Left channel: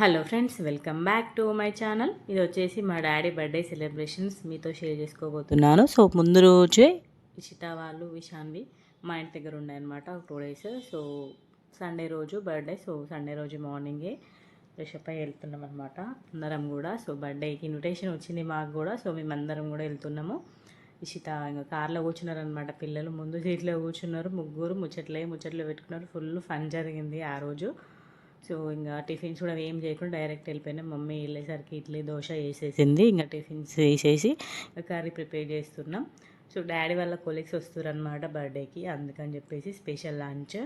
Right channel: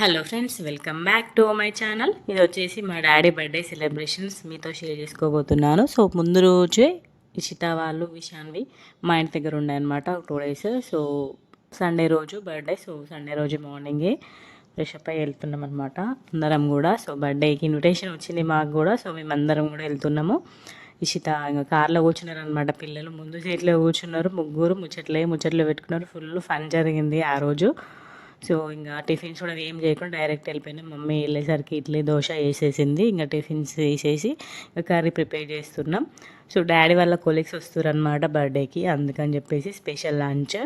Hello friends, welcome back to my channel. ఇది వచ్చేసి మా డాడీ బర్త్డే సెలబ్రేషన్స్ మీతో షేర్ చేసుకోబోతున్నాను. సో ముందు రోజే ఇషిత వాళ్ళు విషాన్వి మా ఇంటి దగ్గర ఉన్నాయన్నమాట 2 డేస్. సో సండే రోజు బర్త్డే. సో సండే రోజు మార్నింగే ఫ్రెష్ అప్ అయ్యి వెళ్తున్నాం అనమాట అందరం కూడా. సో బర్త్డేకి ఇన్విటేషన్ వచ్చింది మాకు కూడా. సో మేమందరం కూడా వెళ్తున్నాము. ఇషిత ఇంకా కార్లో కూర్చున్నారనమాట. పిల్లలు ముందు సీట్లో కూర్చున్నారు. ముగ్గురు ముచ్చట్లు పెట్టుకున్నారు. ఫుల్ ఫన్ జరిగింది ఆ రోజు. సో ఇంకా టిఫిన్స్ కూడా ఏం చేయకుండా డైరెక్ట్ వెళ్ళిపోయినాం. మమ్మీ వెళ్ళేసరికి ఇడ్లీ దోశ వేసేసింది. ఇంకా టిఫిన్స్ వేసేసి కర్రీ ప్రిపేర్ చేస్తున్నాం. సో డాడీ వాళ్ళ కొలీగ్స్ వస్తారు అనమాట బర్త్డేకి, అందుకని చెప్పేసి స్పెషల్ లంచ్.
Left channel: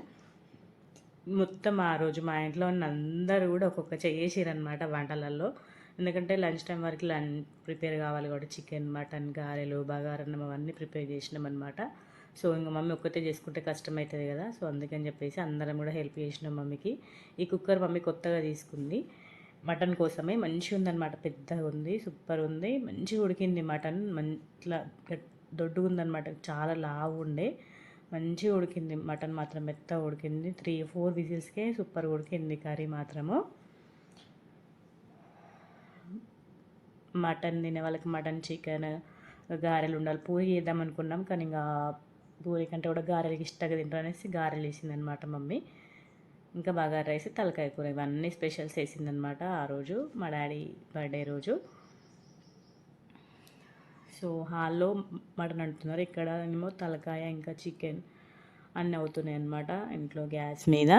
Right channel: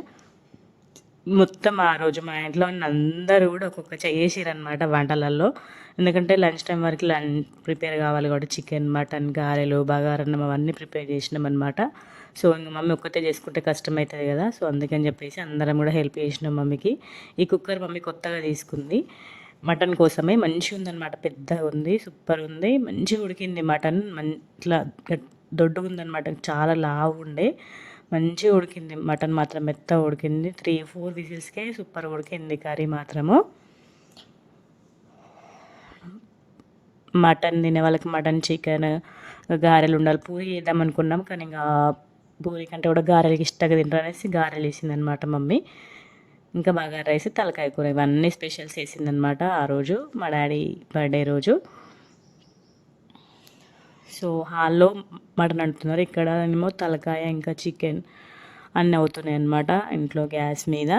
మొత్తం ఆ రోజు మా ఇంట్లో ఉన్న అందరూ కూడా ఒక్కొక్క చేసిరనమాట వంటలలో. ఎందుకంటే లంచ్ టైం వరకు ప్రిపేర్ కావాలి కాబట్టి చికెన్, మటన్, గారెలు, బగారన్నం అవన్నీ ప్రిపేర్ చేసినాం అనమాట. సో ఇంకా మమ్మీ ఒక్కతే చేసుకుంటే కష్టమవుతుంది కదా. సో అందుకని చెప్పేసి అందరం కూడా హెల్ప్ చేసినాం మమ్మీకి. ఈ కుక్కర్ మమ్మీ కొత్తగా తీసుకుంది మటన్ కోసమే. మంచిగా ఉందన్నమాట, పెద్దగా ఉంది, సూపర్ ఉంది, మంచిగా ఉడికింది మటన్. ఇట్లా దొడ్డుగా ఉందన్నమాట, చాలా లావు ఉండే. మంచిగా ఉడికింది మటన్ మాత్రం, మెత్తగా ఉడికింది. 3-4 విజిల్స్కే సూపర్ ఉడికింది కర్రీ మాత్రము. మటన్ తినే వాళ్ళకి మటన్, చికెన్, గారెలు ఉండాలి. పూరి చేద్దాం అనుకున్నాం కానీ ఇంకా పూరి కంటే కూడా గారెలకి ఇష్టంగా తింటారు అనేసి గారెలు వేసిందనమాట మమ్మీ. ఇంకా బగారా రైస్, తలకాయ కూర, ఇవన్నీ స్పెషల్స్ వేసిందనమాట ఆ రోజు మా డాడీ బర్త్డే రోజు. సో హాల్లో మటన్ అంటున్నారు, ఇక్కడ ఏమో తలకాయ ఇంకా చికెన్ అన్నీ అవుతున్నాయి అన్నమాట ఇంట్లో గ్యాస్ మీద.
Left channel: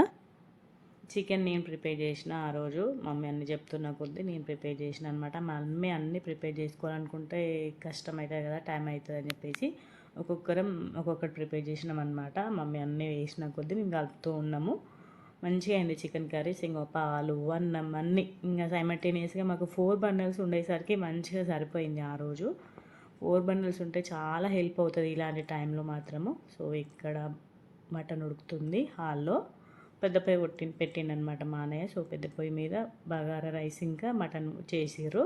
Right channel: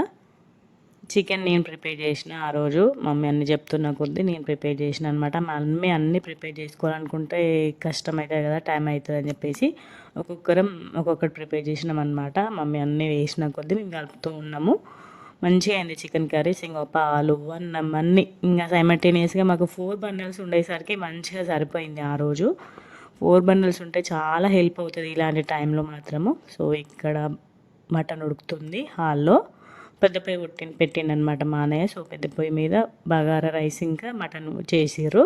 చికెన్ నేను ప్రిపేర్ చేసిన ఆ రోజు. మమ్మీ అన్ని చెప్తున్న కొద్దీ నేను ప్రిపేర్ చేసిన అనమాట. మమ్మీ అన్నీ ప్రిపేర్ చేసుకోవాలనుకుంటే కష్టం అవుతుంది కదా, టైం అవుతుంది అని చెప్పేసి ఒక్కొక్కరం ఒక్కొక్కటి ప్రిపేర్ చేసినాం అనమాట. మమ్మీ అన్నీ వేసిన కొద్దీ మేము కలుపుతూ ఉన్నాము. మంచిగా అయింది చికెన్ కర్రీస్. ఇంకా పాలు, అన్నం అన్నీ ఇంకా సైమల్టేనియస్గా మాకు 4 బండల్స్ ఉండేసరికి మంచిగా సరిపోయింది ఆ రోజు. 4 బండల్స్ ఉంటే చాలా హెల్ప్ అవుతుంది ఇలాంటి టైంలో మాత్రము. సో ఇక్కడ మటన్ ఉడుకుతుంది హాల్లో. పెద్ద పొయ్యి పెట్టిండనమాట మా అన్నయ్య. సో పెద్ద పొయ్యి మీద బగారా రైస్ ఇంకా మటన్ చేసిర్రు.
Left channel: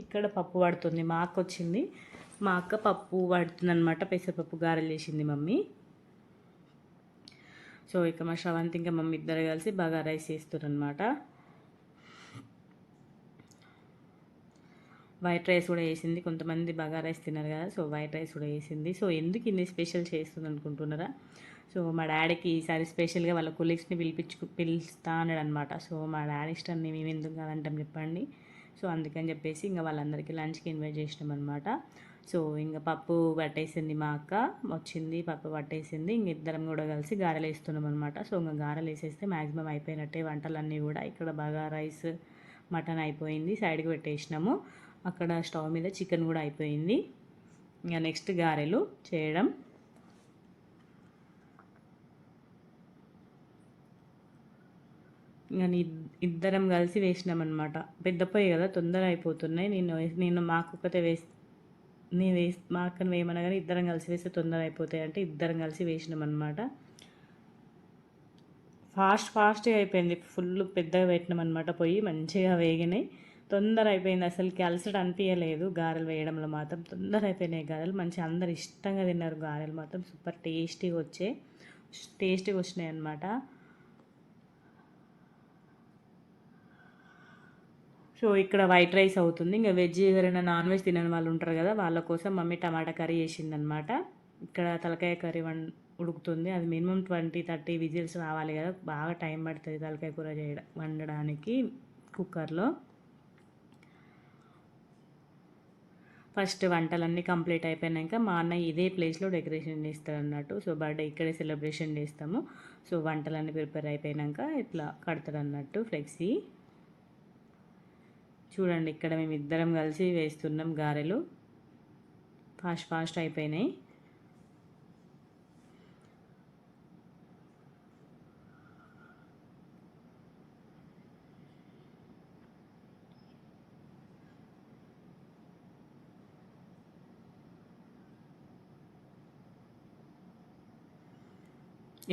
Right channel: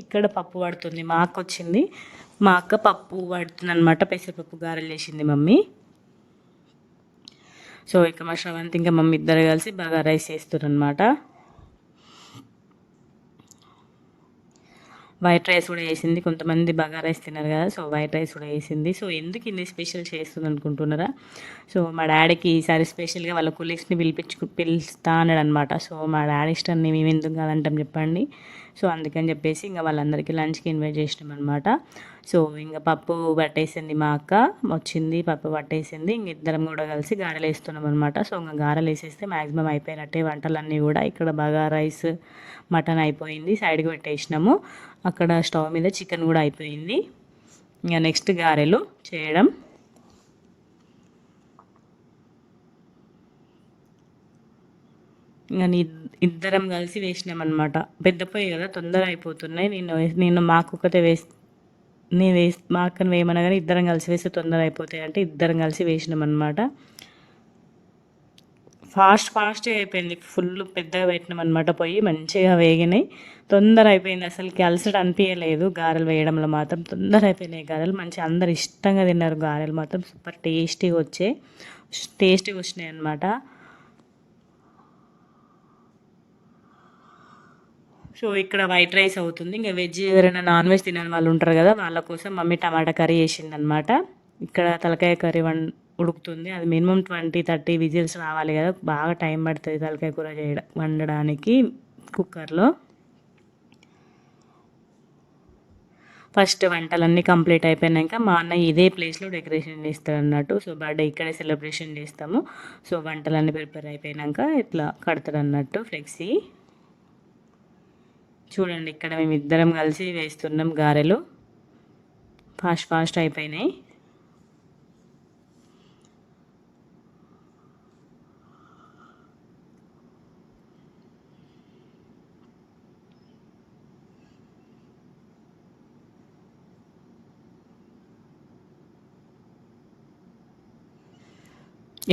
ఇక్కడ పప్పు పడుతుంది, మా అక్క వచ్చింది. మా అక్క పప్పు పడుతుంది అనమాట. పెసరపప్పు గారెలు చేసింది మమ్మీ. సో ఇక మా శ్రవంతి ఇంకా మమ్మీ ఇద్దరు కలిసి బగారా రైస్ చేస్తారు అనమాట. వైట్ రైస్ కూడా వేసింది. కొంతమంది బగారా రైస్ తిన్నారు కదా, సో వైట్ రైస్ కూడా వేసింది. సో ఎందుకు ఇన్ని స్పెషల్ చేస్తుంది అనుకుంటున్నారా? సో మా డాడీకి ఈసారి స్పెషల్గా వాళ్ళ కొలీగ్స్ని పిలుస్తా అన్నాడు అనమాట. సో మా డాడీ ఇష్టాన్ని మేము ఎందుకు కాదంటాం చెప్పండి. సో అందుకని చెప్పేసి ఇంకా వాళ్ళందరికీ లంచ్కి ఇన్వైట్ చేసినాం అనమాట. సో ఇంకా పప్పు పట్టేసింది మా అక్క, వచ్చింది పప్పు పట్టేసింది. ఇంక ఇద్దరం కూడా కలిసి గారెలు వేస్తున్నాం అనమాట. సో ఇంకా గారెలు వేసేస్తే మ్యాక్సిమం అయిపోయినట్టే వంటలన్నీ కూడా. ఇక్కడ బాగా రైస్, మటన్ అయిపోయింది, సైడ్కి పెట్టేసినాము. అక్కడ స్టవ్ మీద చికెన్ కూడా అయిపోయింది. ఇంకా నెక్స్ట్ గారెలు చేయడం. ఇంకా ఇద్దరం కలిసి వేసినామన్నమాట. పెద్ద పొయ్యి కదా, తొందర అయిపోతున్నాయి. నేను మాకొక్కతే మా అక్కను వేయమన్నా కానీ ఇద్దరం కలిసి వేస్తే తొందర అయిపోతాయి అంటే ఇద్దరం కలిసి వేసినామన్నమాట. ఫాస్ట్గా అయిపోయింది. ఫుల్ పెద్దగా పెట్టినాం అనమాట పొయ్యి. మంచిగా వేగినాయి, తొందర అయిపోయింది. అసలుకి అలసట అనిపించలేదు. గారెలు వేయడంలో మాత్రం తొందర అయిపోయినాయి గారెలు. మంచిగా అందరు ఇష్టంగా తిన్నారు. గారెలు మాత్రం సూపర్ టేస్టీగా వచ్చినాయి అనమాట. సో ఇక్కడ వైట్ రైస్ అవుతుంది. ఇంకా వెజ్ ఎవరైనా నాన్ వెజ్ తినని వాళ్ళు ఉంటారు కదా, వాళ్ళ కోసం మమ్మీ టమాటా కర్రీ చేసింది అనమాట. ఇక్కడ తలకాయ కర్రీ ఉడుకుతుంది. అది మినిమం 20-30 విజిల్స్ రావాలి కదా, బాగా టైం పడుతుంది తలకాయ కూర వండడానికి కుక్కర్లో. ఫస్ట్ వంటలన్నీ కంప్లీట్ అయిపోయాక మా అన్నయ్య ఇదే ప్లేస్లో డెకరేషన్ చేస్తాడు అన్నట్టు. సో బర్త్డే ఇక్కడే సెలబ్రేషన్ చేస్తాము. సో వంటలన్నీ ప్రిపేర్ అయిపోయాక ఇట్లా కడతాడు అన్నట్టు ఫ్లెక్సీ. చూడండి ఇక్కడ మేము ఇద్దరం కలిసి వేస్తున్నాం గారెలు. ఫాస్ట్ అయిపోయినాయి.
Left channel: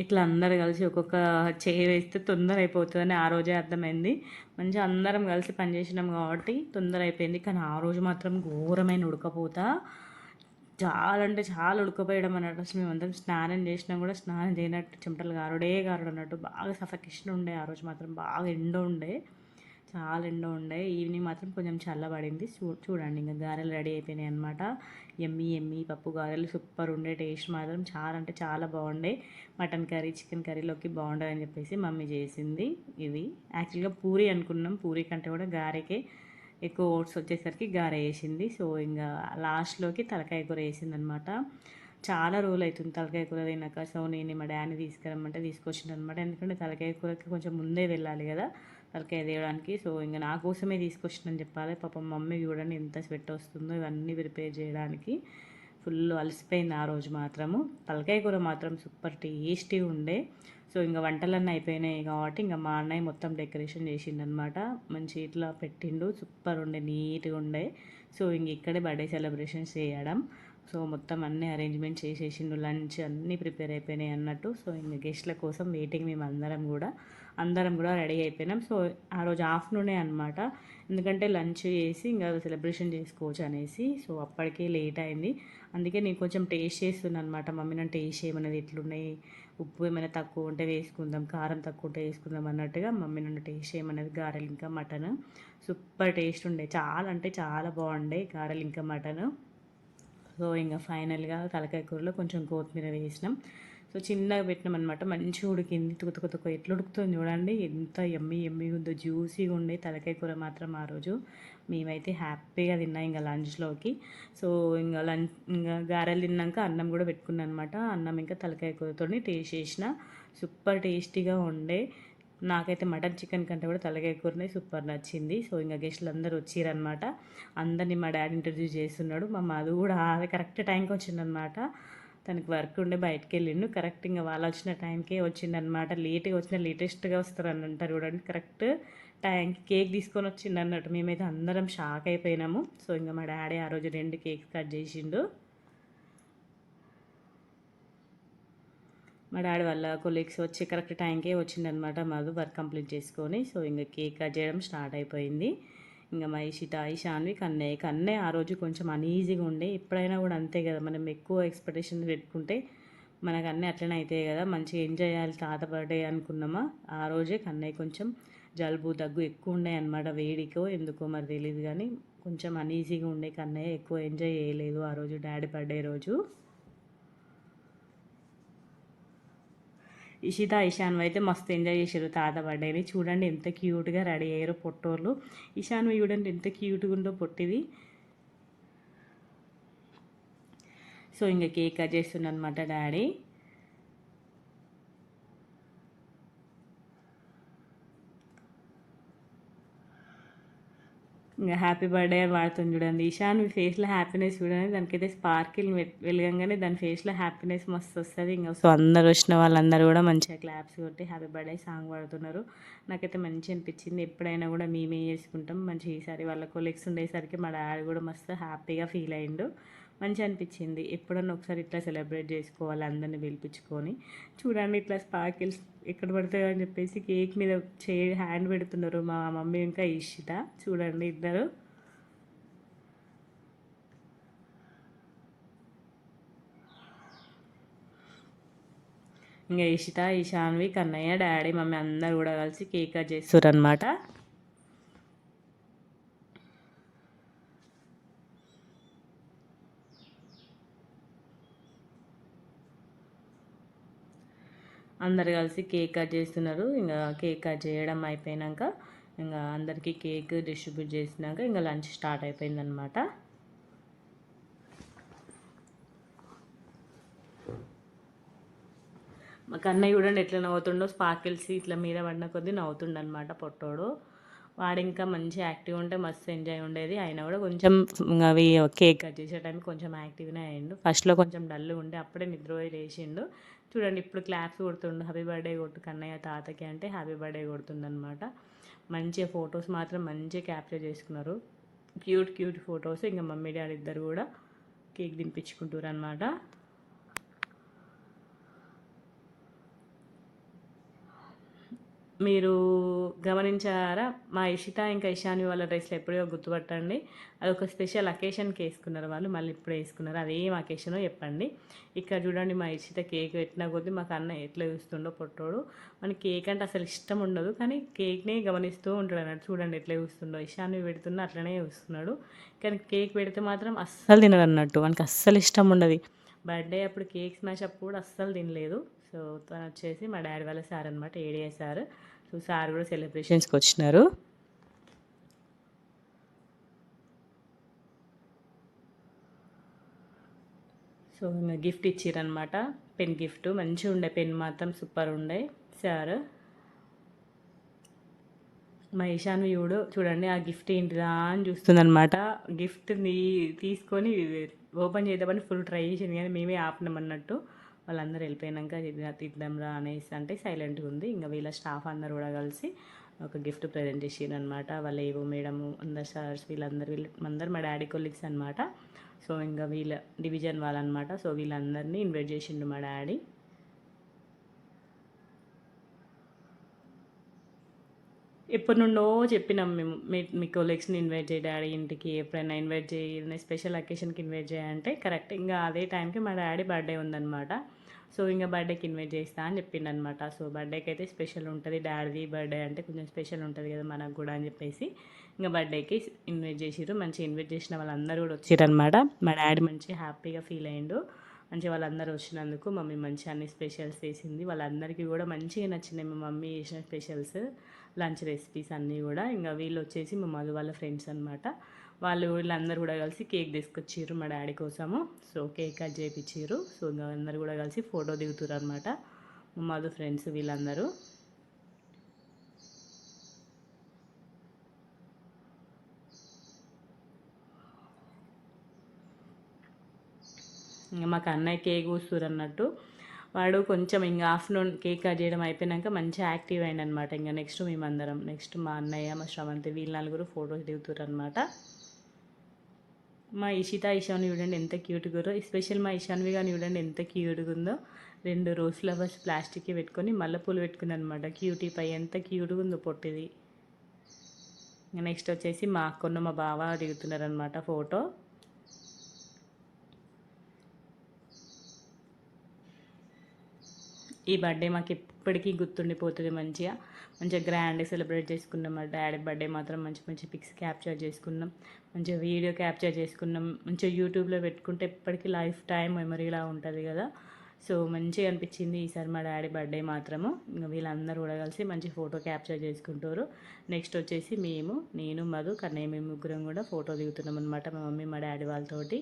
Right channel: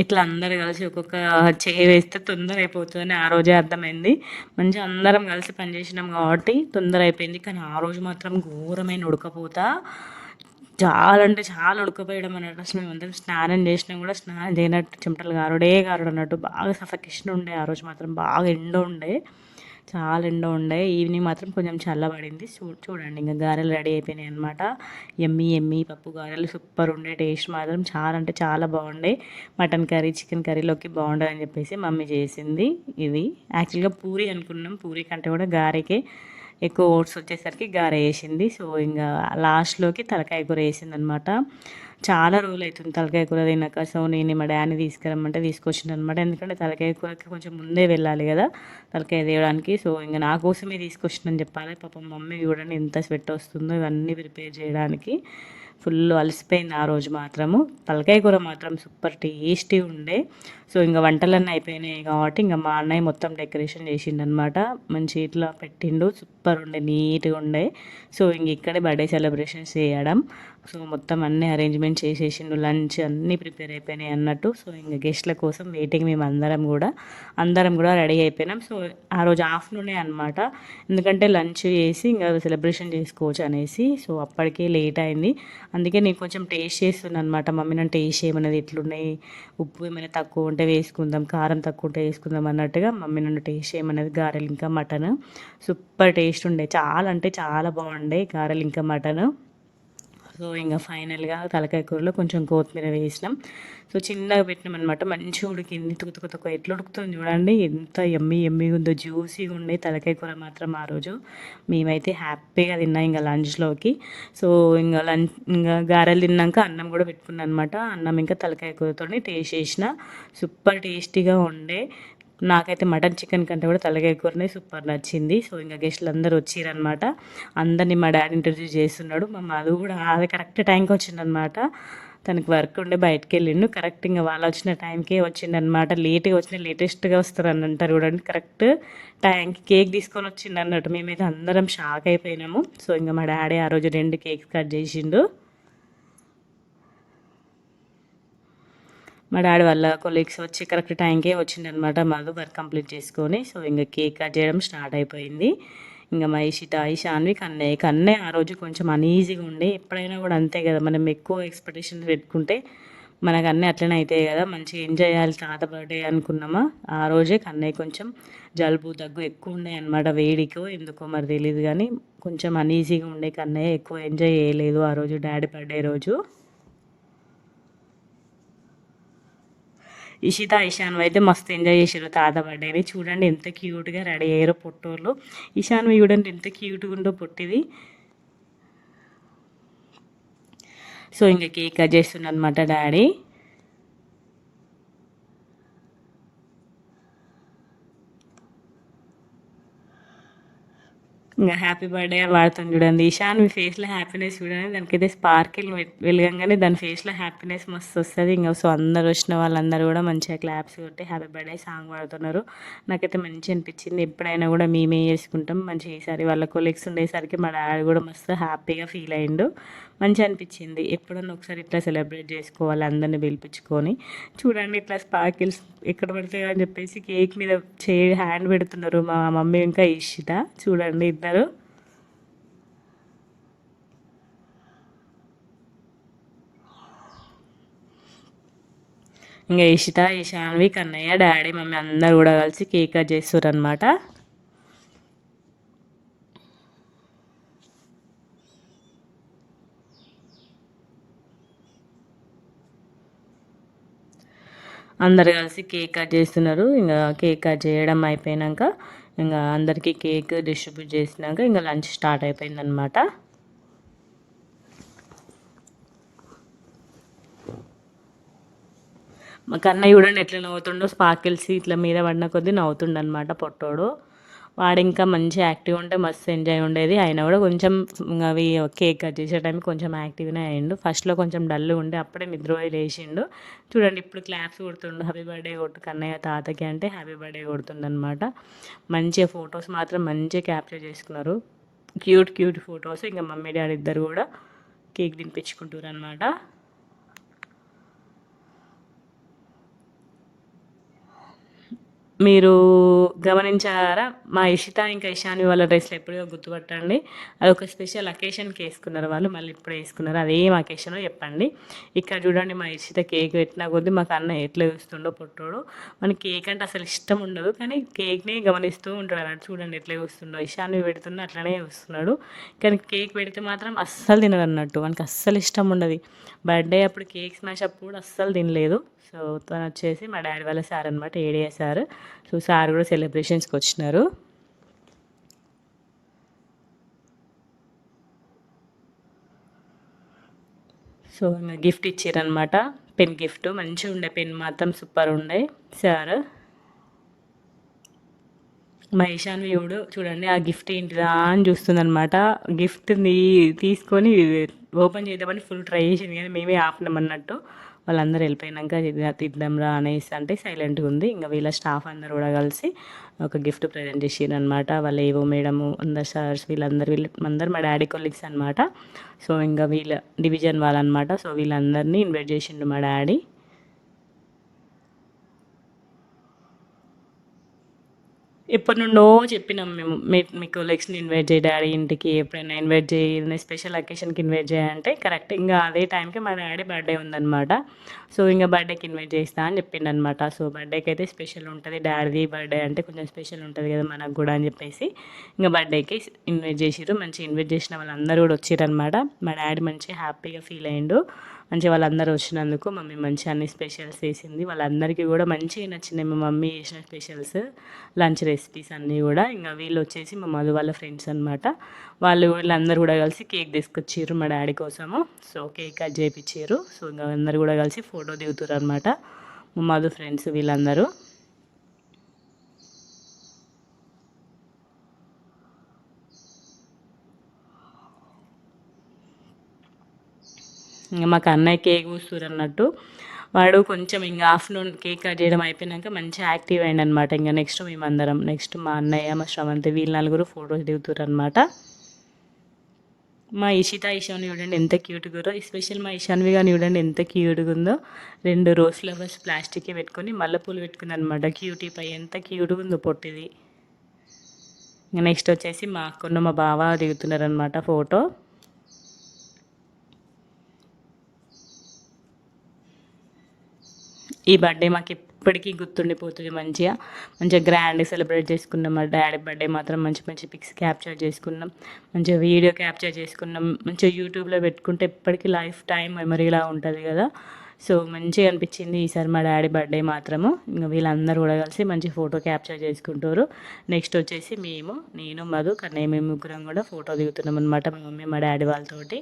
ఇట్లా అందరు కలిసి ఒక్కొక్క చేయి వేస్తే తొందర అయిపోతుందని ఆ రోజే అర్థమైంది. మంచిగా అందరం కలిసి పనిచేసినాం కాబట్టి తొందర అయిపోయింది. కానీ ఆ రోజు మాత్రం ఘోరమైన ఉడకపోత, చాలా అంటే చాలా ఉడకపోయడం అన్నట్టు. అసలు మేమందరం స్నానం చేసినాం కూడా స్నానం చేయనట్టు చెమటలు గారుడే గారుడు అన్నట్టు. బాగా సఫకేషన్ ఉండే ఆ రోజు మాత్రం. బాగా ఎండ ఉండే, చాలా ఎండ ఉండే. ఈవినింగ్ మాత్రం కొంచెం చల్లబడింది. చూడండి ఇంకా గారెలు రెడీ అయిపోయినాయి అనమాట. ఎమ్మి ఎమ్మి పప్పు గారెలు సూపర్ ఉండే. టేస్ట్ మాత్రం చాలా అంటే చాలా బాగుండే. మటన్ కర్రీ చికెన్ కర్రీలోకి బాగుంటుందని చెప్పేసి మమ్మీ చేసింది. ఇది యాక్చువల్గా పూరి అనుకున్నాం. పూరి కంటే కూడా గారెకే ఎక్కువ ఓట్స్ వచ్చేసరికి గారె వేసింది. సో ఇంకా లాస్ట్లోకి తలకాయ కూర వేసింది అనమాట. చాలా రోజులు అవుతుంది తలకాయ కూర తిన్నాక. సో నేను మా డాడీని తీసుకురమ్మంటే తీసుకొచ్చింది అనమాట. ఎందుకంటే తలకాయ కూరకి కొంచెం ముందే వెళ్ళాలి కదా తలకాయ తేవడానికి. సో ఇంకా నా కోసమే తీసుకొచ్చిందని చెప్పాలి. పాపం మమ్మీ చూడండి ఎంత స్వెట్ వస్తుందో ఇవన్నీ ప్రిపేర్ చేయడానికి. ఫుల్ అలసిపోయింది ఆ రోజు మాత్రము. తలకాయ కూర మాత్రం సూపర్ టేస్టీ ఉండే. సో ఇంకా వంటలన్నీ అయిపోయినాయి కాబట్టి ఇంకా మా అన్నయ్య మొత్తం డెకరేషన్ చేసిండనమాట. మంచి ఇట్లా పెట్టిండు. సూపర్ ఉండే, నీట్గా ఉండే. సో ఇంక ఇక్కడే బర్త్డే సెలబ్రేషన్స్ చేయడం. సో మొత్తం అన్నీ అరేంజ్మెంట్ చేసేసిండు. లంచ్ అన్నీ ప్రిపేర్ అయిపోయినాయి అన్నట్టు. సో ఇంకా గెస్ట్ల కోసం వెయిటింగ్. మేము అందరం కూడా రెడీ అయిపోయినాం. సో ఆ రోజు ఆఫ్టర్నూనే అనమాట. ఎందుకంటే లంచ్ చేసి ఇంకా సెలబ్రేషన్ చేసుకోవచ్చు అనేసి. సో అప్పటికే లేట్ అయింది. అందుకే నేను కొంచెం టేస్ట్ చేస్తున్నాను అనమాట. మమ్మీ నన్ను టేస్ట్ చేయమన్నది, ఎట్లున్నాయి, ఉప్పు ఏమైనా తక్కువ ఉంటే వేసుకుందాం, కారం తక్కువ ఉంటే వేసుకుందాం అన్నట్టుగా మమ్మీ నన్ను టేస్ట్ చేయమన్నది. గారెలు ఇంకా మటన్ సూపర్ టేస్ట్ ఉండే. చాలా అంటే చాలా బాగుండే గారెలు ఇంకా మటన్. సో ఇంకా ఫైనల్గా తలకాయ కూరలో కొంచెం కొత్తిమీర వేసినాం. సో చిన్నగా పెట్టినాం అనమాట. మంచిగా ఉడికింది. తుకు ఎట్లా ఉడుకుతుంది చూడండి. ఎంత ఎమ్మిగా ఉందో, జ్యూసీగా ఉండే తలకాయ కూర మాత్రం ఆ రోజు మేమైతే హ్యాపీగా తిన్నాం ఇంకా లంచ్లోకి. సో ఇంకా గారెలు తిన్నాక అన్నం కూడా పెట్టుకున్నాను అనమాట. అన్నం ఇంకా తలకాయ కూరతో టేస్ట్ చేసిన. సూపర్ టేస్టీగా ఉండే. నాకైతే మటన్ చికెన్ కంటే కూడా తలకాయ కూరనే సూపర్ నచ్చింది. సో ఇంకా గెస్ట్లు అందరూ వచ్చిరనమాట. అందరినీ మా డాడీ ఇంట్రడ్యూస్ చేస్తున్నాడు. మా మధు కూడా అది కరెక్ట్ టైంకి వచ్చిందనమాట. తనకి వర్క్ ఉండే బయటకు వెళ్ళిండు. కరెక్ట్ ఇంకా వాళ్ళు వచ్చిన టైంకే వచ్చిందనమాట. లేట్గా వచ్చిన లేటెస్ట్గా వస్తారు అని అంటారు చూడండి. కరెక్ట్ టైంకి కేక్ తీసుకొని వచ్చిండు అన్నట్టు. మేమైతే అందరం షాక్ అయిపోయినాము. సో ఇంకా మా డాడీ ఆ రోజు 2 కేక్స్ కట్ చేసిండు. మా డాడీ వాళ్ళ కొలీగ్స్ వచ్చి కరెక్ట్ టైంకే వచ్చిందనమాట. మధు వర్క్ కంప్లీట్ చేసుకొని. సో ఇంకా కేక్ కట్ చేయడం స్టార్ట్ అయిపోయింది. ఇంకా మా ఇషిత ఈశాన్వి కన్నయ్య ఆ రోజు కొంచెం అనీజీగా ఉండే. ఎప్పుడైనా కూడా అంతే కదా, మనం ఎక్కువ ఎక్స్పెక్టేషన్స్ పెట్టుకుంటే మనకు అన్నీ అట్లనే అవుతాయి కదా. మంచిగా ఎంజాయ్ చేయాలి తాత బర్త్డే అనుకున్నామా. ఆ రోజే కన్నయ్య కొంచెం జలుబు దగ్గు ఎక్కువ ఉండే అనమాట. వేడికో ఎందుకో మరి తెలియదు కానీ కొంచెం అనీజీగా ఉండే. కన్నయ్య ఎక్కువ ఎంజాయ్ చేయలేదు ఆ రోజు డాడీ బర్త్డే రోజు. ఇషిత ఇషాన్వి అయితే మస్తు ఎంజాయ్ చేశారు తాత బర్త్డేని. చూడండి ఎంత క్యూట్గా రెడీ అయ్యారో పొట్టోళ్ళు. ఇషాన్వి చూడండి ఎంత క్యూట్గా ఉందో పొట్టిది. సో ఇంకా కేక్ కట్ చేస్తున్నమాట డాడీ. ఇంకా హ్యాపీ బర్త్డే అని వాడుతుంది చూడండి. ఈశాన్ మీ ఫేస్లో హ్యాపీనెస్ చూడండి. దానికైతే స్పార్కిల్ వెలగంగానే దాని ఫేస్లో హ్యాపీనెస్ మస్తు వస్తుంది. ఇంకా సో అందరు వచ్చిన వాళ్ళందరూ కూడా మంచిగా క్లాప్స్ కొట్టి హ్యాపీ బర్త్డే సాంగ్ పాడుతున్నారు. నాకైతే మంచి అనిపించింది. ఎప్పుడైనా కూడా మేమే చేసుకుంటాం మంచిగా. ఈసారి వాళ్ళ కొలీగ్స్ ఉండేసరికి మా డాడీ కూడా మస్తు హ్యాపీగా ఫీల్ అయ్యిండు. మంచిగా అనిపించింది. ఎప్పుడన్నా ఒకసారి ఇట్లా సెలబ్రేట్ చేసుకోవాలి అందరిని పిలిపించుకొని. చూడండి ఇట్లా స్పార్కిల్స్ ఎక్కడ పడతాయో అని చెప్పేసి కేక్ మీద హ్యాండ్ పెడుతున్నారు మా మమ్మీ ఇంకా ఇషిత. చూడండి ఇద్దరు. ఇంకా ఇషిత ఈశాన్వి కన్నయ్య డాడీ మమ్మీ అందరు కూడా కలిసి కేక్ కట్ చేస్తారు అనమాట. అందరు కలిసి కేక్ కట్ చేస్తున్నారు. ఇంకా కేక్ కట్ చేయడం అయిపోయాక ఇంకా అందరికీ కేక్ డిస్ట్రిబ్యూట్ చేసినాక ఇంకా లంచ్ స్టార్ట్ అయిపోయిందనమాట. మా కన్నయ్య చూడండి ఎట్లా నవ్వుతుండో. స్పార్కిల్స్ ఇట్లా మీద పడిన కొద్దీ నవ్వుతుండనమాట పొట్టోడు. వాడు ఇంకా మంచి యాక్టివ్ ఉంటే మస్తు ఎంజాయ్ ఉండేది. ఆయన కూడా కొంచెం అవి కేక్ కట్ చేసే టైంకి కొంచెం యాక్టివ్గానే అయ్యిండు. ఫస్ట్లో కొంచెం డల్ ఉండే, అప్పుడే నిద్రపోయి లేచిండు. చూడండి ఇప్పుడు క్లాప్స్ కొడుతుండు. హ్యాపీ బర్త్డే కొట్టు కన్నయ్య తాతకి అంటే హ్యాపీ బర్త్డే కొడుతుండనమాట. మంచిగా ఫొటోస్ మాత్రం మంచిగా క్యాప్చర్ చేసుకున్నారు. Cute photos. ఇంకా మమ్మీ డాడీ ఇద్దరు కూడా కేక్ తినిపించుకుంటారు అనమాట. మీరు గమనించారా? మా ఇషిత ఇంకా ఇషాని వాళ్ళ డ్రెస్‌లు ఎప్పుడో గుర్తుపట్టండి. అదొక స్పెషల్ అకేషన్‌కి ఏసుకున్నారు వాళ్ళు. మళ్ళీ ఇప్పుడు ఏసుకున్నారు. అదేం అకేషనో చెప్పండి. ఇక్కడ చూడండి మా ఇషిత కేక్ పెట్టిన కొద్దీ మాకు అన్న ఎట్లా చూస్తుండో పొట్టోడు. మనకి కేక్ అంటే అసలు ఇష్టం ఉండదు. కానీ కేక్‌ని గమనిస్తూ ఉంటాడు అన్నట్టు. చూడండి ఎట్లా చూస్తుండో. ఇషాన్వి పెడుతున్నా అట్లనే చూస్తున్నాడు. కానీ కేక్ పెడితే మాత్రం అస్సలు తినడన్నట్టు. వానికి అస్సలు ఇష్టం ఉండదు. బర్త్డే అప్పుడు కేక్ స్మాష్ అప్పుడు కూడా అస్సలు తినలేదు. సో తను వచ్చేసి మా డాడీ వాళ్ళ సార్ అనమాట, ఏడియా సార్. సో సార్ కూడా సెలబ్రేషన్స్కి వచ్చినారు. సో ఇంకా గిఫ్ట్ ఇచ్చారనమాట, పెన్ గిఫ్ట్. మంచిగా ఉండే పెన్ మాత్రం సూపర్ ఉండే సార్. మా ఈశాన్వి చూడండి ఆ గిఫ్ట్ ఏంటిదా అని చూస్తుందనమాట. గిఫ్ట్ని తీసుకొని ఓపెన్ చేద్దామని ఫుల్ ట్రై చేసింది కానీ మేమే ఆపినామన్నట్టు. వాళ్ళందరూ వెళ్ళిపోయినాక తిద్దాంరా అనేసి అంటే సైలెంట్గా ఉంది. ఇంకా వీళ్ళ స్టాఫ్ అందరు కూడా కలిసి ఒక గిఫ్ట్ ప్రజెంట్ చేసిరనమాట. వాళ్ళు ఏవో మేడము అందరు సార్స్ వీళ్ళందరూ మా డాడీ కొలీగ్స్ అనమాట. సో ఇంకా వీళ్ళ డివిజన్ వాళ్ళనమాట. సో వీళ్ళందరినీ ఇన్వైట్ చేసిండు మా డాడీ. ఎప్పటి నుండో చెప్పినాం మేము, మీ కొలీగ్స్ని ఇన్వైట్ చేయి డాడీ ఇంటికి, ఎప్పుడైనా ఇన్వైట్ చేయి, ఏదైనా స్పెషల్ అకేషన్కి ఇన్వైట్ చేయాలంటే కరెక్ట్ ఇంకా అదే టైంకి మా డాడీ బర్త్డే ఉందన్నమాట. సో ఇంకా బర్త్డేకి ఇన్వైట్ చేస్తా అని చెప్పిండనమాట. సో బర్త్డేకి అయితే స్పెషల్ ఉంటుంది, డాడీ బర్త్డే అంటే కొంచెం స్పెషల్ ఉంటుంది కదా మనకు కూడా అని చెప్పేసి ఇంకా బర్త్డేకి ఇన్వైట్ చేసిర్రు. మంచిగా ఇన్వైట్ చేసిన వాళ్ళందరూ కూడా వచ్చిరనమాట. మా డాడీ మంచిగా హ్యాపీగా ఫీల్ అయ్యిండు. మంచిగా వాళ్ళందరూ వచ్చినందుకు. మమ్మీ మంచిగా అన్ని స్పెషల్స్ చేసింది. వాళ్ళందరికీ కూడా మంచిగా నచ్చినాయి మా మమ్మీ చేసిన స్పెషల్స్, లంచ్ రెసిపీస్ అన్నీ కూడా. ఇంకా వీళ్ళు వచ్చేసి మా మధు వాళ్ళ ఫ్రెండ్స్ అనమాట. వీళ్ళందరూ కూడా కలిసి కేక్ తీసుకొచ్చారు మా డాడీ కోసము. సో కేక్ కట్ చేయించారు. సో ఇంకా అందరు కూడా కలిసి ఫోటో దిగుతారు అనమాట, మా మధు ఫ్రెండ్స్ వీళ్ళందరూ. ఇంకా మాకు అన్నయ్య కేక్ కూస్తురు అన్నట్టు. వాడు కొంచెం ఇంకా ఆఫ్టర్నూన్ కేక్ కట్ చేయడం అయిపోయినాక మంచిగా యాక్టివ్ అయ్యింది అనమాట. ఇంకా నెక్స్ట్ మా అన్నయ్య, మా శ్రవంతి వీళ్ళు నలుగురు ఫొటోస్ దిగుతారు అనమాట. మా ఈశాన్వి చూడండి ఎంత క్యూట్గా, ఎస్పెషల్ మా ఈశాన్వి కానీ చూడండి ఎంత క్యూట్గా ఉందో. 2 రోజ్ ఫ్లవర్స్ ప్లాస్టిక్కి పెట్టుకొని మల్లెపూలు పెట్టుకుంది అనమాట. క్యూటీ పై ఎంత క్యూట్గా ఉందో పొట్టిది. ఇంకా నెక్స్ట్ వచ్చేసి మా అక్కను మా బావ దిగుతున్నారనమాట ఫోటో. ఈ బర్త్డే మాకు ఎప్పటికీ గుర్తుండిపోతుంది. మంచిగా గ్రాండ్గా సెలబ్రేట్ చేసుకున్నాం. మా డాడీ బర్త్డే మాత్రం మంచి పిక్స్ క్యాప్చర్ చేసుకున్నాం, మంచిగా వీడియో క్యాప్చర్ చేసుకున్నాం. మంచిగా యూట్యూబ్లో పెట్టుకుంటే ఎప్పటికీ లైఫ్ టైం మెమరీలా ఉంటుంది కదా. సో మంచిగా అనిపించింది ఈసారి మా డాడీ బర్త్డే మాత్రము. ఇంకా వీళ్ళందరూ కూడా కలిసి మంచి ఫోటో క్యాప్చర్ చేసుకుంటారు. నెక్స్ట్ వచ్చేసి నేను మధు కన్నయ్య మేము ముగ్గురం కూడా ఫోటో దిగుతున్నాం అనమాట, మా మమ్మీ మా డాడీ వాళ్ళతోటి.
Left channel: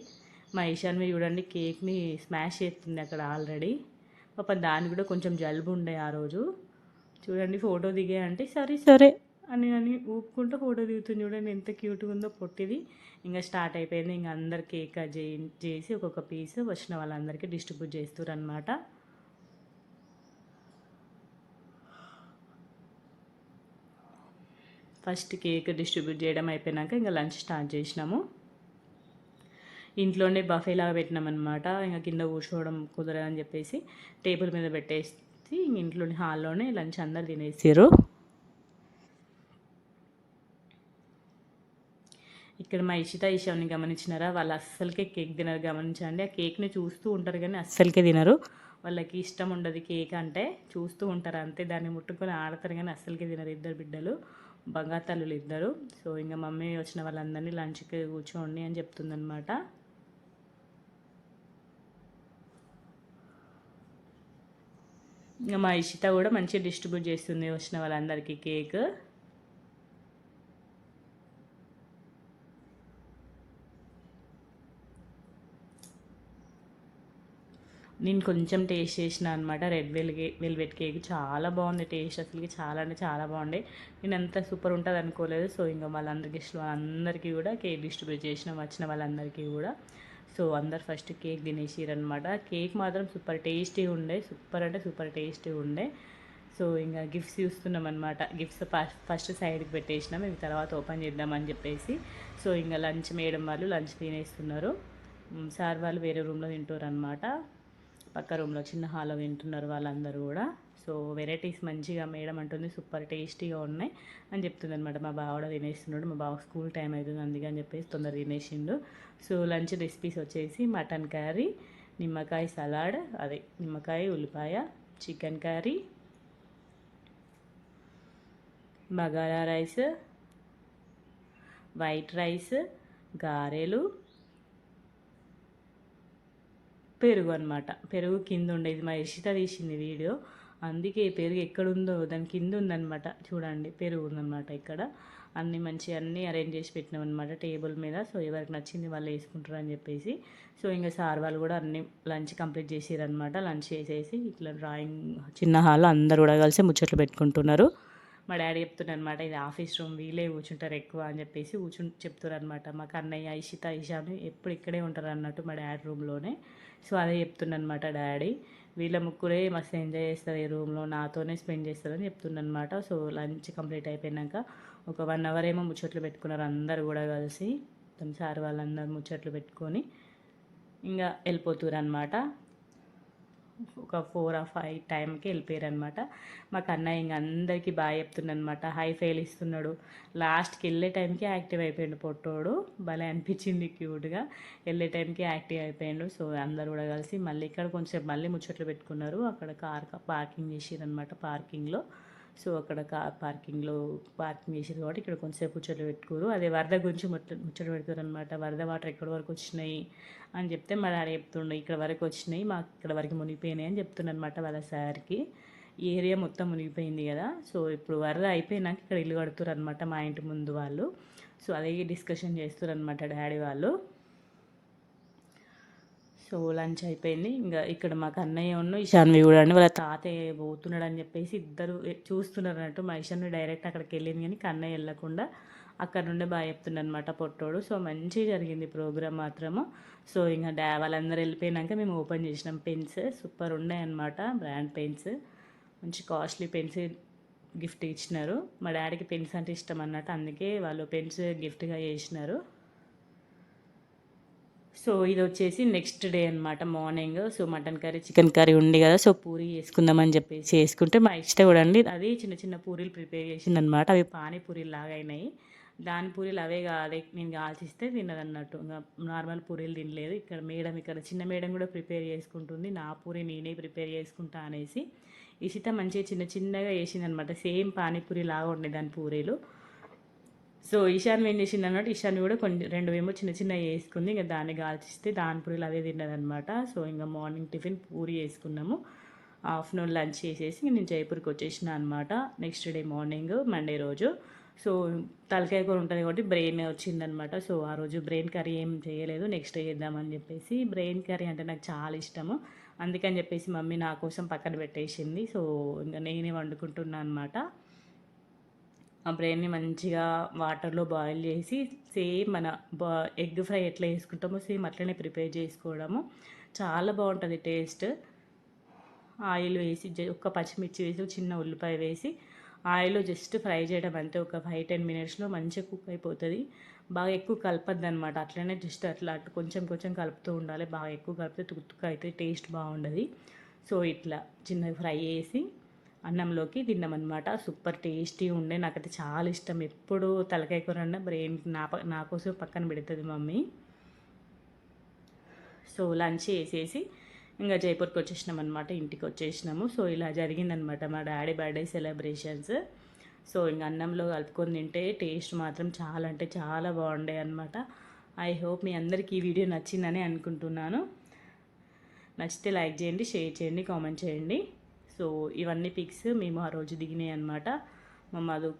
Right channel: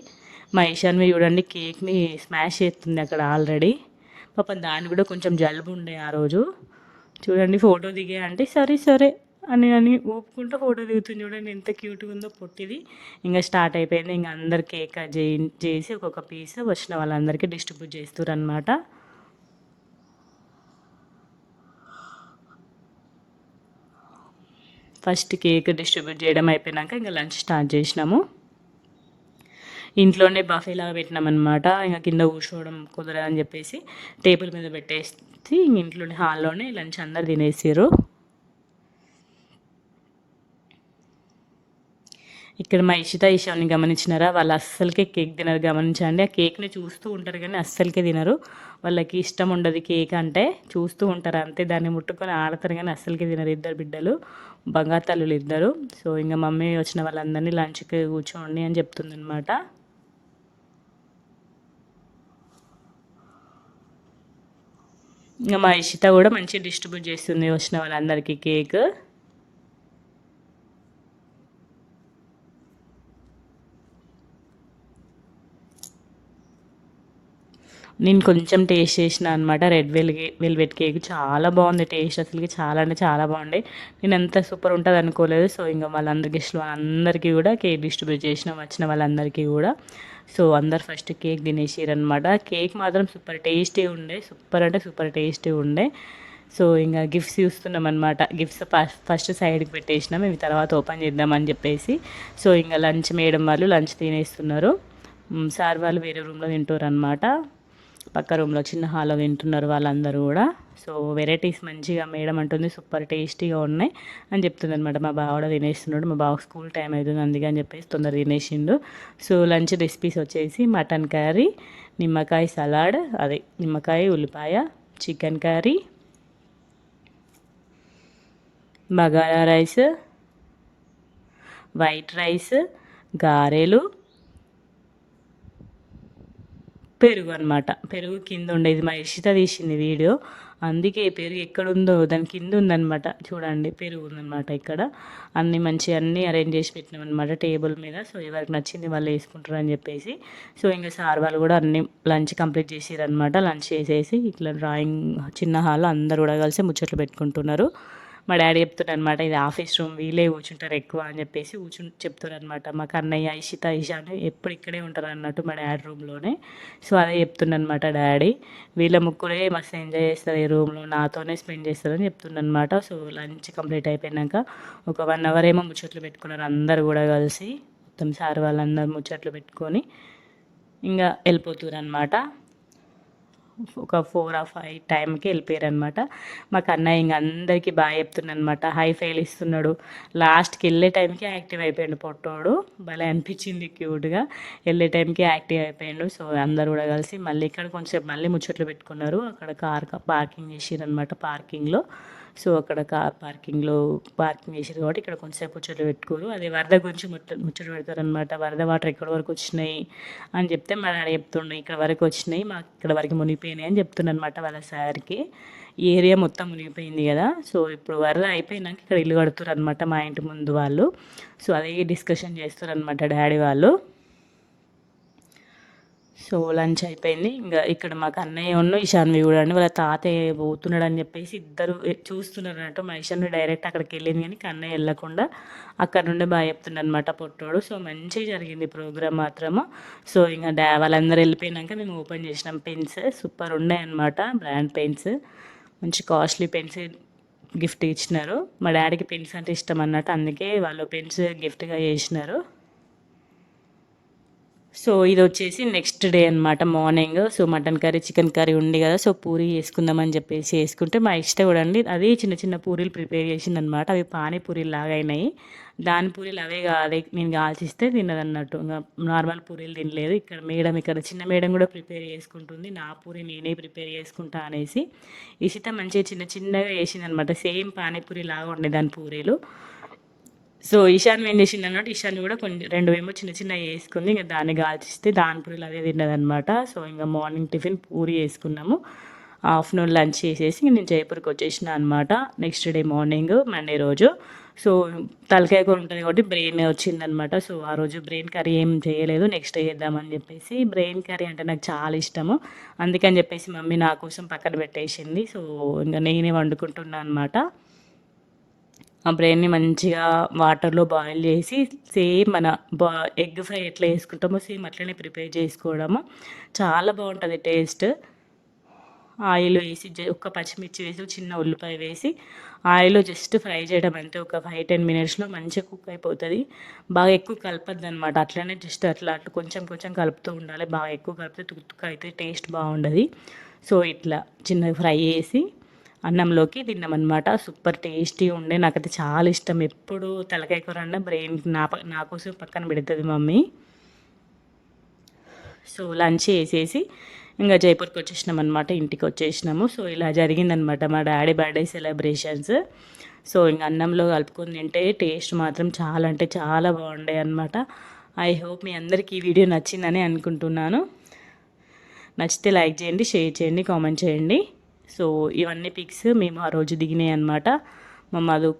మా ఈశాన్వి చూడండి కేక్ని స్మాష్ చేస్తుంది అక్కడ ఆల్రెడీ. పాపం దాన్ని కూడా కొంచెం జలుబు ఉండే ఆ రోజు. చూడండి ఫోటో దిగే అంటే సరే అని ఊపుకుంటూ ఫోటో దిగుతుంది. చూడండి ఎంత క్యూట్గా ఉందో పొట్టిది. ఇంకా స్టార్ట్ అయిపోయింది. ఇంకా అందరు కేక్ కట్ చేసి ఒక్కొక్క పీస్ వచ్చిన వాళ్ళందరికీ డిస్ట్రిబ్యూట్ చేస్తారు అనమాట. ఫస్ట్ కేక్ డిస్ట్రిబ్యూట్ చేయడం అయిపోయినాక ఇంకా లంచ్ స్టార్ట్ చేసినాము. ఇంట్లోనే బఫేలాగా పెట్టినామన్నమాట. ఇంకా కింద కూర్చోవడం కుదరదని చెప్పేసి టేబుల్ మీద పెట్టేసి ఇంట్లోనే హాల్లోనే లంచ్ అందరు తినేసారు. ఇక్కడ మా ఈశాన్ని గమనించినారా? వాళ్ళు అస్సలకే కేక్ తినరు, గమనించండి. ఆ కేక్ని చూస్తూ ఉంటారు కానీ అస్సలకే తినరు. వాళ్ళకి ఇష్టం ఉండదు కేక్ అంటే, చూస్తూ ఉంటారు అంతే, దాన్ని ముట్టుకొని ఆడతారు కానీ అస్సలకే తినరు. ఇద్దరు బిడ్డలు, బంగారు తల్లులు ఇద్దరు. సో ఇంకా మమ్మీ వచ్చిన వాళ్ళందరినీ లంచ్కి కూర్చోండి అని చెప్తుందనమాట. ఇంకా మా ఇషిత కూడా మంచిగా డిస్ట్రిబ్యూట్ చేస్తుంది వచ్చిన వాళ్ళందరికీ కేక్. నేను కొంచెం టేస్ట్ చేసిన అనమాట. రెడ్ వెల్వెట్ కేక్ చాలా బాగుంది టేస్ట్, అసలుకి చాలా అంటే చాలా బాగుండే. నేను ఎంత సూపర్ ఉంటుంది అనుకోలేదు. సో ఇంకా వాళ్ళందరికీ అందరికీ కూడా కేక్ డిస్ట్రిబ్యూట్ చేసిన వచ్చిన వాళ్ళందరికీ కూడా. సో అందరు ఫస్ట్ కేక్ తినేసారనమాట. కేక్ మాత్రం సూపర్ టేస్టీ ఉండే, సూపర్ అంటే సూపర్ టేస్టీ ఉండే. సో ఇంకా గిఫ్ట్స్ చూస్తున్నాం అనమాట. గిఫ్ట్స్ ఫస్ట్ సైడ్కి పెట్టేసినాం, ఇవి తర్వాత ఓపెన్ చేద్దామని చెప్పేసి. సో ఇంకా లంచ్ మేడం వాళ్ళు లంచ్ తినేస్తున్నారు. సార్ వాళ్ళు వేరే రూమ్లో తింటారు అనమాట. పక్క రూమ్లో చిన్న హాల్లో తింటున్నారు వాళ్ళందరూ కూడా. సో వెరైటీస్ మంచిగా మేడం అంటుంది సూపర్ టేస్టీగా ఉన్నాయి అని చెప్తుంది అనమాట. మా బావ కూడా తినేస్తున్నాడు. మా బావ స్కూల్ టైం అవుతుంది అందుకే అని చెప్పేసి తొందర తినేసిండు. సో లంచ్ రెసిపీస్ వచ్చేసి మటన్ కర్రీ, నిమ్మకాయ సలాడ్, అదే నిమ్మకాయ ఉల్లిపాయ, chicken curry, bagara rice, white rice, గారెలు, పెరుగు అనమాట. పెరుగు కింద ఉండేది మా ఇషిత తీసింది వీడియో, అందుకే పెరుగు ఎక్కడుందో దాని కింద ఉందనమాట. చూడండి పెరుగు ఉందనమాట ఇక్కడ. అన్నీ మంచిగా అన్నీ అరేంజ్ చేసి పెట్టినాం అనమాట టేబుల్ మీద. సో ఎవరికి నచ్చింది వాళ్ళు వేసుకుంటారు అని చెప్పేసి. సో ఇంకా సార్ వాళ్ళు కూడా అన్నీ లంచ్ కంప్లీట్ చేసిరనమాట. లంచ్ చేసేసి ఇట్లా డ్రాయింగ్ చిన్న హాల్లో అందరు కూడా కలిసి ముచ్చట్లు పెట్టుకుంటున్నారు. మా డాడీ చెప్తున్నారు అనమాట, ఇది ఆఫీస్ రూమ్, వీళ్ళే కూర్చుంటారు ఎక్కువ అని చెప్పేసి చెప్తున్నారు అనమాట. మా కన్నయ్య, ఇషిత, ఇషాన్ ఎప్పుడు ఇక్కడే ఉంటారు అన్నట్టు మా డాడీ రూమ్లోనే. సో అదే చెప్తున్నమాట డాడీ, వీళ్ళ ముగ్గురే మస్తు ఎంజాయ్ చేస్తారు ఈ రూమ్లో, నాతోనే స్పెండ్ చేస్తారని చెప్తున్నమాట. సో లంచ్ కంప్లీట్ అయిపోయినాక ఒక 1 అవర్ ఏమో ముచ్చట్లు పెట్టుకున్నారు అందరు కూడా కలిసి. మొత్తం సార్ వాళ్ళందరూ ముచ్చట్లు పెట్టుకొని ఇంకా వెళ్ళిపోతున్నారు అనమాట. ఒక 4 or 5 టైంకి వెళ్ళిపోయారు అనమాట. మాకు అన్నయ్య ఇంక అందరికీ బాగా చెప్తున్నాను అనమాట. హై ఫైల్ ఇస్తున్నాడు. లాస్ట్కి వెళ్ళే టైంకి యాక్టివ్ అయిపోయాడు పొట్టోడు. భలే అనిపించింది క్యూట్గా. వెళ్ళే టైంకి యాక్టివ్ అయిపోయాడు. సో అందరు కూడా కలిసి మళ్ళీ ఇక్కడ కొంచెం మళ్ళీ ముచ్చట్లు పెట్టుకున్నారు. అక్కడ కార్ పార్కింగ్ చేసిరనమాట పార్కింగ్లో. సో అక్కడ కార్ పార్కింగ్ చేసారు కాబట్టి ఇక్కడ కొంచెంసేపు ముచ్చట్లు పెట్టుకోరు. అదే వరద గురించి ముచ్చట పెడతారనమాట. వరద వాటర్ ఎక్కడి వరకు వచ్చినాయి అని చెప్తే మా డాడీ చెప్తుండే, ఇక్కడ వరకు వచ్చినాయి, మాకు ఇక్కడ వరకు మునిగిపోయినాయి అని చెప్తున్నమాట వాళ్ళ సార్కి. ఈ ఏరియా మొత్తం మునిగిపోయింది కదా. సో ఇప్పుడు వరద అయిపోయినాక ఇక్కడ ఇల్లు కడుతున్నారు అనమాట మా ఇంటి ముందు వాళ్ళు. సో అదే డిస్కషన్ చేస్తారు అనమాట డాడీ వాళ్ళు. సో లంచ్ అయిపోయింది. ఇంకా ఇక్కడ మాకు అన్నయ్య ఉన్న ఇషాన్వి కూడా అండి వాళ్ళ తాతయ్య పోతున్నాడు అని చెప్పేసి ఇద్దరు చూస్తున్నారు అన్నట్టు. మా ఇషాన్వి డైరెక్ట్ అక్కడికి వెళ్ళింది కానీ కన్నయ్య వెళ్ళకుండా అక్కడ నుండి బాగా చెప్తున్నాడు అనమాట పొట్టోడు. సో మంచిగా జరిగింది ప్రోగ్రామ్ మాత్రము. సో ఇంకా వాళ్ళందరూ వెళ్ళిపోయినాక మేము ఓపెన్ చేసినాం. పెన్స్ సూపర్ ఉన్నాయన్నమాట, బ్రాండ్ పెన్స్, మంచి కాస్ట్లీ పెన్స్ గిఫ్ట్ ఇచ్చినారు. మా డాడీకి పెన్స్ అంటే ఇష్టం అన్నట్టు, అందుకే వాళ్ళు పెన్స్ గిఫ్ట్గా చేసినారు. సో ఇది వచ్చేసి నెక్స్ట్ డే అనమాట morning. So mutton curry, chicken curry ఉంది కదా, సో పూరి చేసుకుందామని చెప్పేసి చేసుకుంటే మా ఇష్టం కూడా అండి అది చిన్న చిన్న పూరీలు ప్రిపేర్ చేసింది అనమాట. అవి పానీపూరీలు లాగా అయినాయి. దాని పూరీలు అవే కాదు నేను కాల్చిస్తే తిన్నదన్నట్టు, ఇంకా నార్మల్ పూరీలు తినలేదు. ఇక్కడ చిన్న మేడం కూడా ప్రిపేర్ చేసుకుంటుంది. నా పూరి నేనే ప్రిపేర్ చేసుకుంటా అనేసి ఇషిత మంచిగా చిన్న చిన్నగా వేసింది అనమాట. సేమ్ పానీపూరి లాగా ఉండే దాని పూరీలు. సో ఈశాన్ ఏం చేసింది అన్నట్టు, ఈశాన్ కూడా కొన్ని 2 ఏమో చిన్న చిన్నవి వేసుకుంది. ఇంకా దాన్ని కాల్చిస్తే దాని పూరీలు అదే తిన్నదనమాట. సో ఇంకా మార్నింగ్ టిఫిన్ పూరి వేసుకున్నాము. ఆఫ్టర్నూన్ లంచ్ చేసేసి నేను జైపూర్కి వచ్చేసిన అనమాట. నెక్స్ట్ డే మార్నింగ్ మండే రోజు. సో తలకాయ కూర ఉంటుంది కాబట్టి బ్రెయిన్ వచ్చిందనమాట. సో ఆ రోజు బ్రెయిన్ కర్రీ ఏం చేయలేదు, నెక్స్ట్ డే చేద్దామని చెప్పేసి. బ్రెయిన్ కర్రీ అంటే నాకు చాలా ఇష్టము, అందుకని చెప్పేసి మమ్మీ నా కోసం పక్కన పెట్టేసింది. సో ఇంకా నేనే వండుకుంటున్నాను అనమాట. ఆ బ్రెయిన్ని మంచిగా వాటర్లో బాయిల్ చేసి సేమ్ మన ఎగ్ ఫ్రై ఎట్లా వేసుకుంటామో సేమ్ అట్లనే ప్రిపేర్ చేసుకోవడము. చాలా బాగుంటుంది టేస్ట్. ఆయిల్ వేసి ఒక్క పచ్చిమిర్చి వేసి చిన్న ఉల్లిపాయ వేసి ఆయిల్లో జస్ట్ ఫ్రై చేయడం అంతే. ఒక 5-10 మినిట్స్లో మంచిగా కుక్ అయిపోతుంది. బాగా ఎక్కువ కలపద్దు అనమాట, అట్లనే జస్ట్ అట్లా కొంచెం కొంచెం కలుపుతూ ఉండాలి. బాగా ఎక్కువ కలిపితే తుక్కు అయితే టేస్ట్ బాగుండదు. సో ఇట్లా చిన్నగా ఫ్రై చేసి అన్నంలోకి తిన్నామన్నమాట. సూపర్ టేస్టీ ఉండే, నాకైతే చాలా ఇష్టం. ఎప్పుడు తలకాయ కూర అన్న బ్రెయిన్ నా కోసం పక్కన పెడుతుంది మమ్మీ. సో లంచ్ చేసేసి ఇంకా జైపూర్కి వచ్చేసినాం అనమాట, ఇంటికి వచ్చేసినాము. సో ఇలా జరిగిందనమాట మా డాడీ బర్త్డే సెలబ్రేషన్స్. సో ఇంకా అన్నంలో కలుపుకొని తింటే టేస్ట్ మాత్రం చాలా అంటే చాలా బాగుండే అనమాట. ఐ హోప్ మీ అందరికీ ఈ వీడియో నచ్చిందని అనుకుంటున్నాను. నచ్చితే లైక్ చేయండి, షేర్ చేయండి, కామెంట్ చేయండి. సో ఇవన్నీ పిక్స్ మేము ఆ రోజు దిగినాయి అనమాట. మా మధు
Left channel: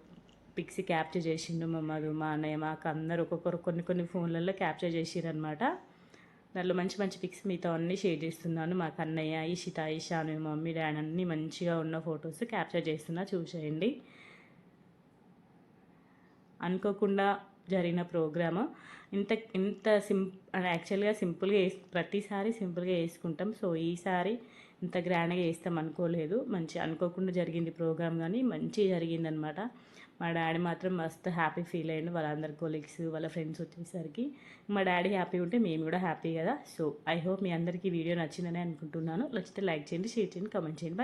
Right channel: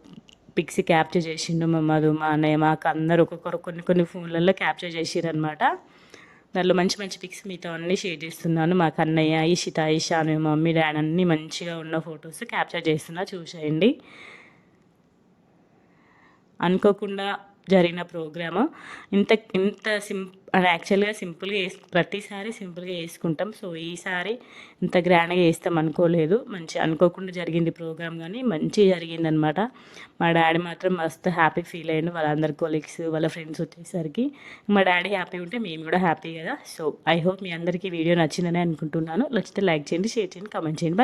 పిక్స్ క్యాప్చర్ చేసిండు. మా మధు, మా అన్నయ్య, మాకు అందరూ ఒక్కొక్కరు కొన్ని ఫోన్లలో క్యాప్చర్ చేసిరనమాట. దాంట్లో మంచి మంచి పిక్స్ మీతో అన్నీ షేర్ చేస్తున్నాను. మా కన్నయ్య, ఇషిత, ఇషాన్, మమ్మీ, డాడీ అన్నీ మంచిగా ఉన్న ఫొటోస్ క్యాప్చర్ చేస్తున్నా, చూసేయండి. అనుకోకుండా జరిగిన ప్రోగ్రాము ఇంత యాక్చువల్గా సింపుల్గా ప్రతిసారి సింపుల్గా వేసుకుంటాం. సో ఈసారి ఇంత గ్రాండ్గా వేస్తాం అనుకోలేదు. మంచి అనుకోకుండా జరిగింది ప్రోగ్రామ్, కానీ మంచిగా జరిగిందనమాట. మా డాడీ మాత్రం మస్తు హ్యాపీ ఫీల్ అయ్యాడు. వాళ్ళందరి కొలీగ్స్, వాళ్ళ ఫ్రెండ్స్ వచ్చేసరికి మా డాడీ హ్యాపీ ఉంటే మేము కూడా హ్యాపీ కదా. సో ఐ హోప్ మీ అందరికీ వీడియో నచ్చిందని అనుకుంటున్నాను. నచ్చితే లైక్ చేయండి, షేర్ చేయండి, కామెంట్ చేయండి.